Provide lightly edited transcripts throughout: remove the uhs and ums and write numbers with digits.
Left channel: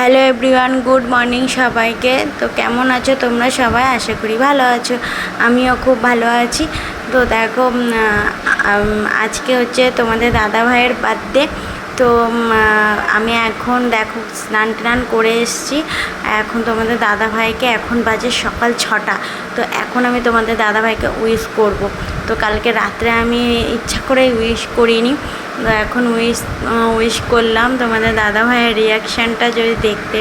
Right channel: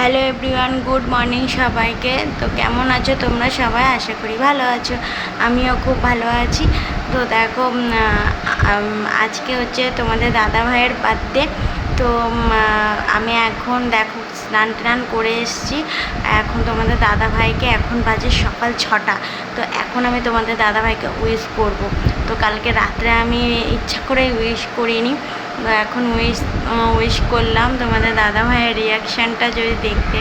Hello everyone, good morning সবাইকে। তো কেমন আছো তোমরা সবাই? আশা করি ভালো আছো, আমিও খুব ভালো আছি। তো দেখো, আজকে হচ্ছে তোমাদের দাদা ভাইয়ের বার্থডে। তো আমি এখন দেখো স্নান টান করে এসেছি। এখন তোমাদের দাদা ভাইকে এখন বাজে সকাল 6টা। তো এখন আমি তোমাদের দাদা ভাইকে উইশ করব। তো কালকে রাত্রে আমি ইচ্ছা করে উইশ করিনি, তো এখন উইশ করলাম। তোমাদের দাদা ভাইয়ের রিয়াকশানটা যদি দেখতে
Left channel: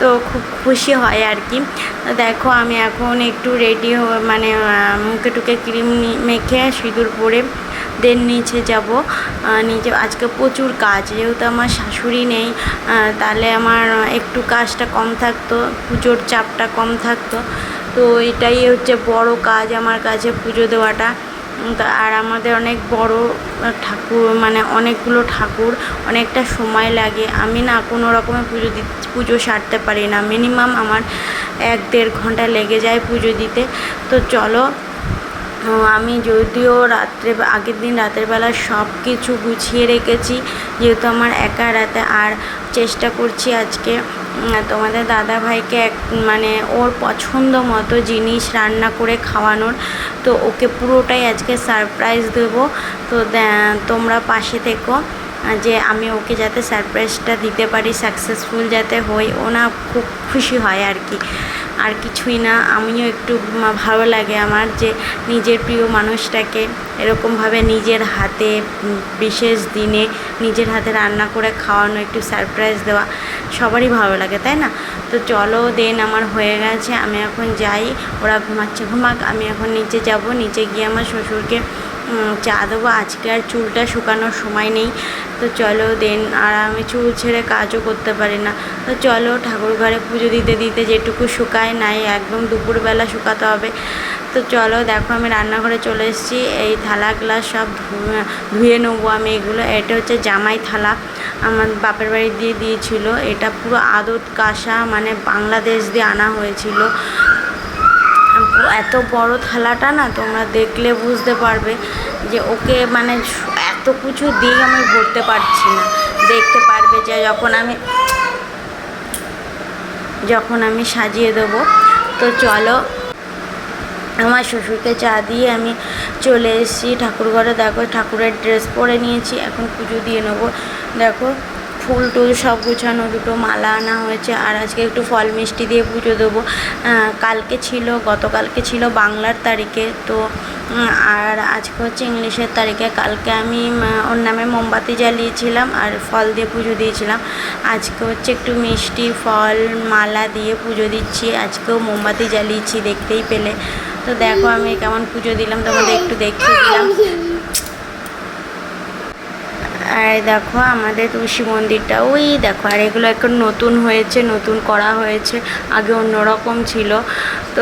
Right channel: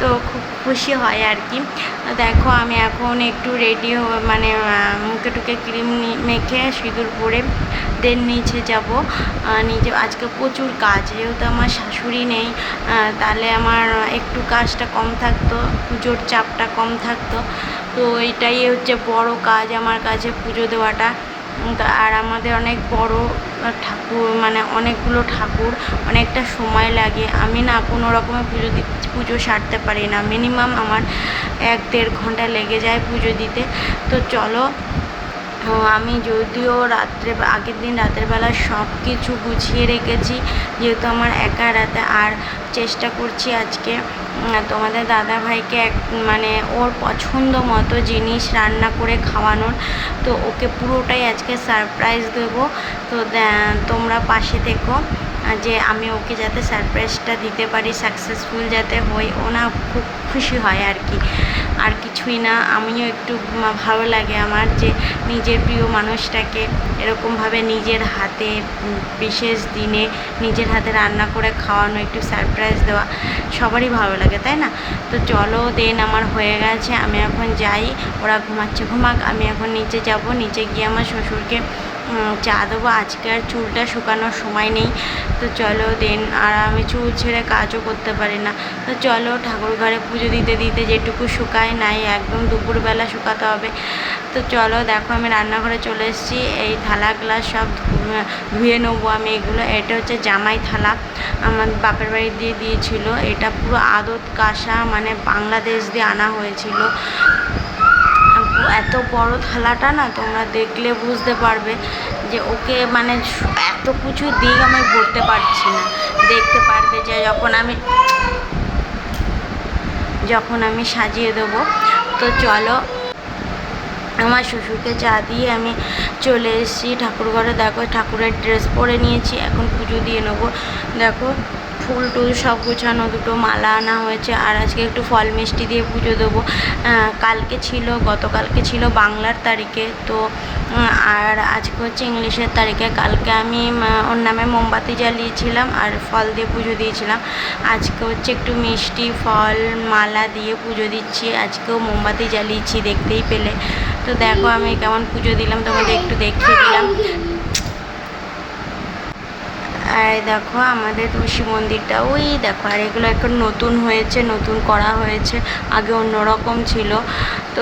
তো খুব খুশি হয় আর কি। তো দেখো আমি এখন একটু রেডি মানে মুখে টুকে ক্রিম মেখে সিঁদুর পরে দেন নিচে যাব। নিচে আজকে প্রচুর কাজ, যেহেতু আমার শাশুড়ি নেই, তাহলে আমার একটু কাজটা কম থাকতো, পুজোর চাপটা কম থাকতো। তো এটাই হচ্ছে বড় কাজ আমার কাছে, পুজো দেওয়াটা। আর আমাদের অনেক বড় ঠাকুর, মানে অনেকগুলো ঠাকুর, অনেকটা সময় লাগে। আমি না কোনো রকমের পুজো সারতে পারি না, মিনিমাম আমার 1-1.5 ঘন্টা লেগে যায় পুজো দিতে। তো চলো, আমি যদিও আগের দিন রাতের বেলা সব কিছু গুছিয়ে রেখেছি, যেহেতু আমার একা রাতে। আর চেষ্টা করছি আজকে তোমাদের দাদা ভাইকে মানে ওর পছন্দ মতো জিনিস রান্না করে খাওয়ানোর। তো ওকে পুরোটাই আজকে সারপ্রাইজ দেবো। তো তোমরা পাশে থেকো, যে আমি ওকে যাতে সারপ্রাইজটা দিতে পারি, সাকসেসফুল যাতে হই, ও না খুব খুশি হয় আর কি। আর কিছুই না, আমিও একটু ভালো লাগে আমার যে নিজের প্রিয় মানুষটাকে এরকমভাবে নিজের হাতে বিশেষ দিনে নিজের হাতে রান্না করে খাওয়ানো, একটু সারপ্রাইজ দেওয়া, সবারই ভালো লাগে, তাই না? তো চলো, দেন আমার হয়ে গেছে, আমি এখন যাই। ওরা ঘুমাচ্ছে, ঘুমাক, আমি এখন নিচে যাব। নিচে গিয়ে আমার শ্বশুরকে চা দেবো। আজকে আর চুলটা শুকানোর সময় নেই। তো চলো দেন, আর আমি চুল ছেড়ে কাজও করতে পারি না। তো চলো, ঠাকুর ঘরে পুজো দিতে দিতে যেটুকু শুকায় নাই, একদম দুপুরবেলা শুকাতে হবে। তো চলো, দেখো আমি রান্নাঘরে চলে এসেছি। এই থালা গ্লাস সব ধুয়ে নেবো আমি এগুলো। এটা হচ্ছে জামাই থালা, আমার বাপের বাড়ি দিয়ে দিয়েছিল। এটা পুরো আদত কাঁসা, মানে বাংলাদেশ দিয়ে আনা হয়েছিল। এত বড় থালাটা না, তোমরা দেখলে বুঝতে পারবে যে ওকে মানে এত কিছু দিক আমি ভরতে পারছি না। দেখতে পারবে যে যখন আমি সাজিয়ে দেবো। তো চলো, আমার শ্বশুরকে চা দিয়ে আমি চলে এসেছি ঠাকুরঘরে। দেখো, ঠাকুরের ড্রেস পরে নিয়েছি, এখন পুজো দিয়ে নেবো। দেখো, ফুল টুল সব গুছানো, দুটো মালা আনা হয়েছে। আর আজকে একটু ফল মিষ্টি দিয়ে পুজো দেবো। গতকালকে ছিল বাংলার তারিখে, তো আর আজকে হচ্ছে ইংলিশের তারিখে। কালকে আমি ওর নামে মোমবাতি জ্বালিয়েছিলাম আর ফল দিয়ে পুজো দিয়েছিলাম। আজকে হচ্ছে একটু মিষ্টি ফল মালা দিয়ে পুজো দিচ্ছি। আজকেও মোমবাতি জ্বালিয়েছি, দেখতেই পেলে। তো দেখো আমি কেমন পুজো দিলাম, তোমাদের একটু দেখিয়ে দিলাম। আর দেখো আমাদের তুলসী মন্দিরটা ওই দেখো। আর এগুলো এখন নতুন হয়েছে, নতুন করা হয়েছে, আগে অন্যরকম ছিল। তো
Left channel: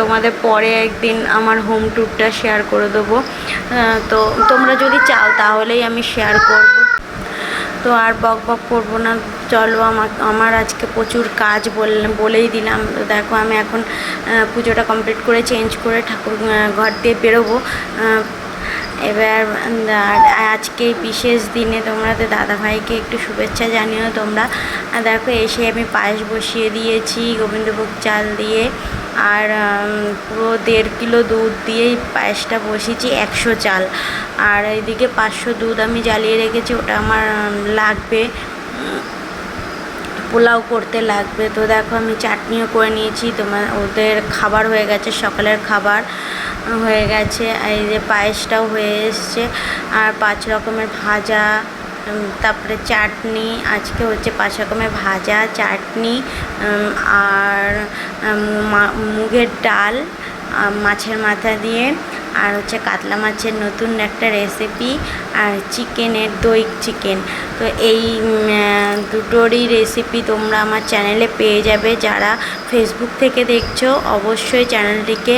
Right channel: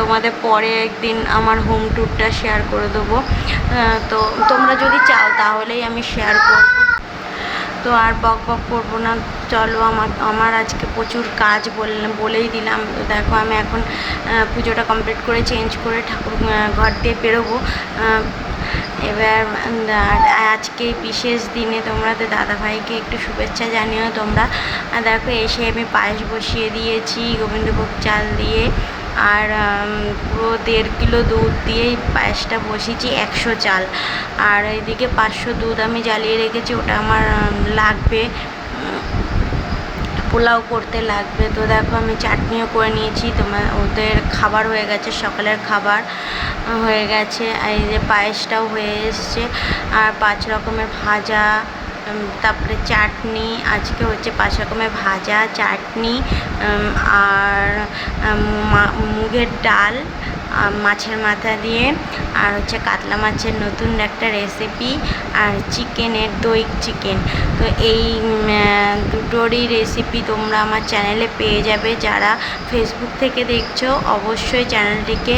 তোমাদের পরে একদিন আমার হোম ট্যুরটা শেয়ার করে দেবো। তো তোমরা যদি চাও তাহলেই আমি শেয়ার করব। তো আর বক বক করবো না, চলো। আমার আজকে প্রচুর কাজ বলেই দিলাম। তো দেখো আমি এখন পুজোটা কমপ্লিট করে চেঞ্জ করে ঠাকুর ঘর দিয়ে বেরোবো। এবার আজকে বিশেষ দিনে তোমাদের দাদাভাইকে একটু শুভেচ্ছা জানিও তোমরা। আর দেখো, এসে আমি পায়েস বসিয়ে দিয়েছি গোবিন্দভোগ চাল দিয়ে। আর পুরো 1.5 কিলো দুধ দিয়েই পায়েসটা বসিয়েছি, 100 চাল। আর এইদিকে 500 দুধ আমি জ্বালিয়ে রেখেছি, ওটা আমার লাগবে, পোলাও করতে লাগবে। তো দেখো আমি চাটনিও করে নিয়েছি। ওদের খাবার হয়ে গেছে, সকালের খাবার হয়ে গেছে। আর এই যে পায়েসটাও হয়ে এসছে। আর 5 রকমের ভাজা, তারপরে চাটনি। আজকে হচ্ছে 5 রকমের ভাজা, চাটনি, আর মুগের ডাল মাছের মাথা দিয়ে, আর হচ্ছে কাতলা মাছের নতুন একটা রেসিপি, আর চিকেনের দই চিকেন। তো এই দুটোরই রেসিপি তোমরা আমার চ্যানেলে পেয়ে যাবে। যারা ফেসবুক থেকে দেখছো অবশ্যই চ্যানেলটিকে,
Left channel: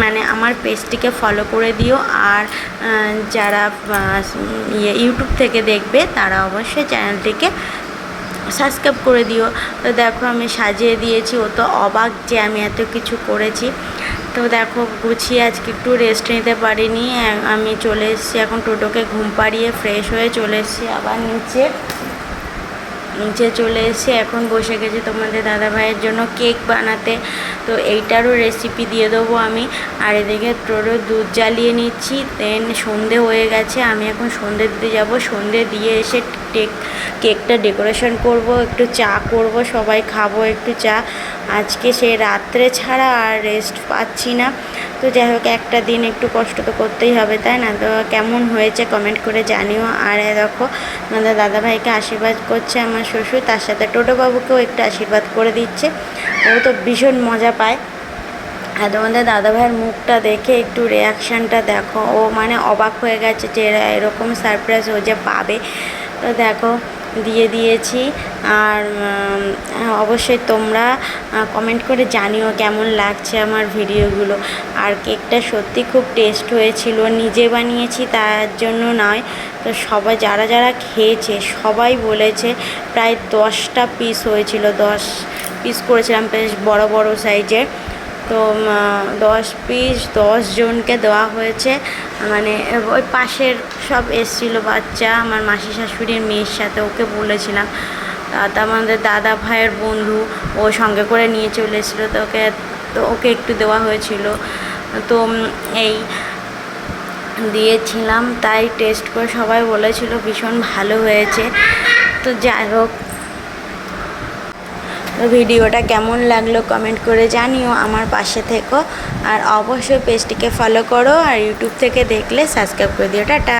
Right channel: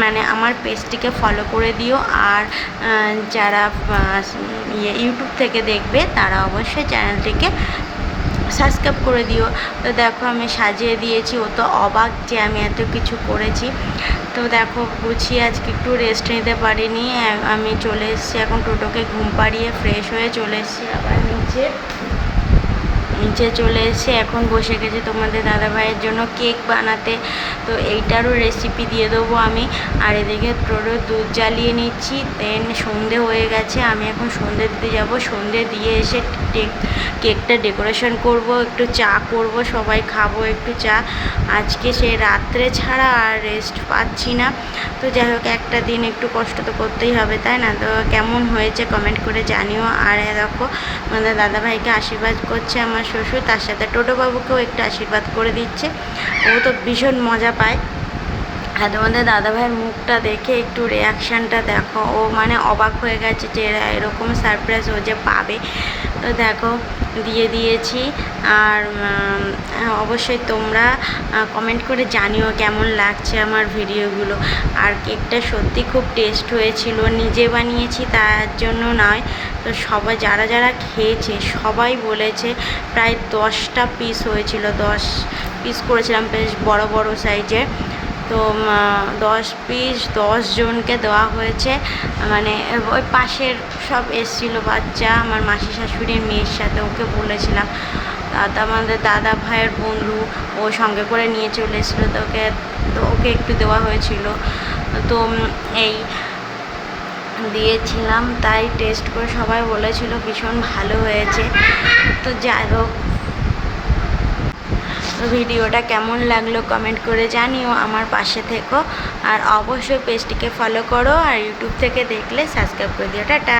মানে আমার পেজটিকে ফলো করে দিও। আর যারা ইউটিউব থেকে দেখবে তারা অবশ্যই চ্যানেলটিকে সাবস্ক্রাইব করে দিও। তো দেখো আমি সাজিয়ে দিয়েছি, ও তো অবাক যে আমি এত কিছু করেছি। তো দেখো গুছিয়ে আজকে একটু রেস্ট নিতে পারিনি, আমি চলে এসেছি এখন টোটোকে ঘুম পাড়িয়ে ফ্রেশ হয়ে চলে এসেছি আবার নিচে। নিচে চলে এসে এখন বসে গেছি তোমাদের দাদাভাইয়ের জন্য কেক বানাতে। তো এইটারও রেসিপি দিয়ে দেবো আমি। আর এদিকে তোরও দুধ জ্বালিয়ে নিচ্ছি। দেন সন্ধে হয়ে গেছে, আমি এখন সন্ধে দিতে যাব। সন্ধে দিয়ে এসে কেকটা ডেকোরেশন করব, একটু চা করব, সবাই খাবো একটু চা। আজকে সে রাত্রে ছাড়া আর রেস্ট পাচ্ছি না। তো যাই হোক, একটা দিন একটু কষ্ট তো করতেই হবে, তাই না? তো কেমন হয়েছে কমেন্ট করে জানিও। আর দেখো আমাদের দাদাভাইকে আশীর্বাদ করছে আমার শ্বশুর, তার সাথে টোটোবাবুকেও একটু আশীর্বাদ করে দিচ্ছে। ও তো ভীষণ মজা পায়। আর তোমাদের দাদাভাইয়ের মুখটা দেখে একটু রিয়াকশানটা দেখো, ও মানে অবাক হয়ে গেছে যে এরকম সারপ্রাইজ ও যে পাবে। তো দেখো দিয়ে দিয়েছি। আর অবশ্যই তোমরা কমেন্ট করে জানিও কেমন লাগছে আমার ভিডিওগুলো। আর কেকটা সত্যি খুব টেস্ট হয়েছিল, নিজে বানিয়েছি তার জন্য নয়। তো সবাই যারা যারা খেয়েছে সবাই বলেছে প্রায় 10টা পিস হয়েছিল, 10 পিস করেছিলাম বেশ বড় বড় সাইজের। তো 10 পিস 10 জনকে দেওয়া হয়েছে। মানে ওই পাশের সব এসেছিলো বাচ্চা, আমার মাসি শাশুড়ির মেয়ের সাথে, ওকে বলেছিলাম। আমাদের দাদা ভাইয়ের বন্ধু ও সঙ্গে করে নিয়ে চলে এসেছিলো, তো ওকে একটু দেওয়া হয়েছিল। তো এই দিয়েছিলাম, তাই টেস্ট করে সবাই বলেছিল ভীষণ ভালো হয়েছে। তো যাই হোক, তো ভিডিওটা কেমন লাগলো কমেন্ট করে জানিও, আমার পাশে থেকো। আর অবশ্যই পেজটিকে ফলো করো, আর ইউটিউব থেকে দেখলে সাবস্ক্রাইব করে দিও। টাটা।